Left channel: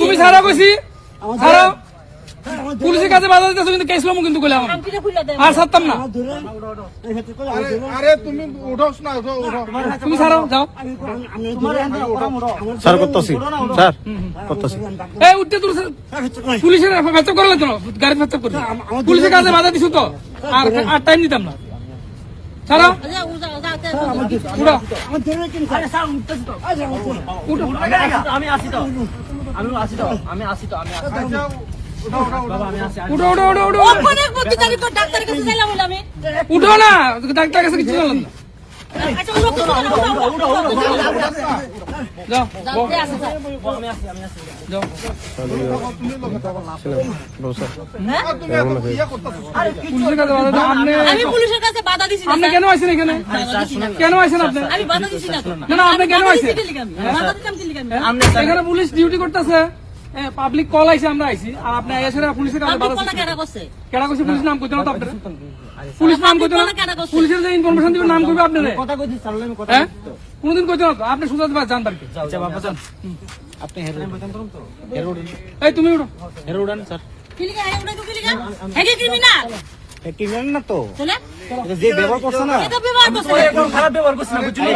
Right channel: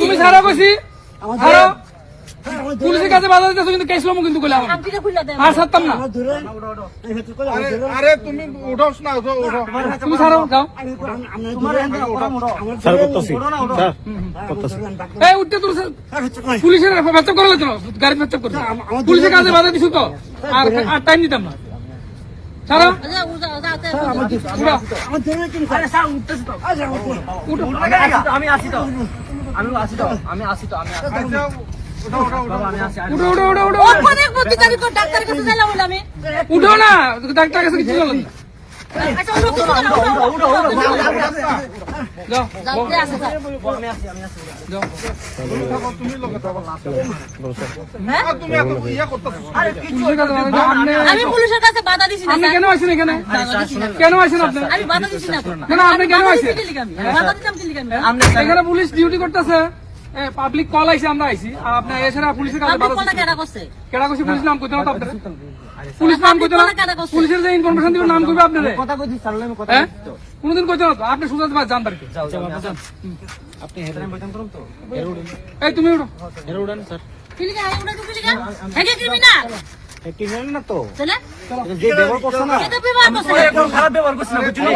তুমি সারা বসি পুলিশের কাছে বাধা দিতেছো কিন্তু কেস লম কিন্তু কইলাম আর ছাড়তাম না। আরে তুমি উঠোস না, উঠো তুমি সারা যাও স্যার করতেছি স্যার করতেছি এই উঠতে তুই পুলিশের ফেচক করলো কেন? গাড়ি ফেচক করছো পুলিশের কাছে বাধা দিছো তো আর টাইম দিতাম না। ছাড়ো আমি আসি তো উঠো না, ডাক্তার কাছে কিছু যাও আমি পুলিশের কাছে বাধা দিছি না। কেন আসেন এখানে? কেন আসেন আপনি? আমি বাধা দিছি না। না আপনি কেন আসেন? বাধা দিতাম কি লিখেন? এখানে পুলিশ ডিউটি করতেছে, পাবলিক কল আইছে, আমরা আইছি আর আপনার এছাড়া পুলিশের কাছে আপনি কোন কেডা করছে? কেডা করছে পুলিশ নাম কইতে না তো আপনার পুলিশ নাম কইতে না, পুলিশের যে ইনফরমেশন দিবে নাম করবে আপনারে কথা কইছি স্যার আমি কথা কোনদিন কইতে না তো আপনি সুজাত ভাই জানবেন কি আপনি হেডলাইন বলতেন করুন তো এই তুমি উঠো হেরো উড়ান স্যার কি লিখা হয় ওটা কি লিখা? হেগে ক্রিমিনাল ক্রিমিনাল না তো চলে যে ব্যবহার করছ না এটা ব্যবহার করছে খারাপ ব্যবহার করছ না বুঝলি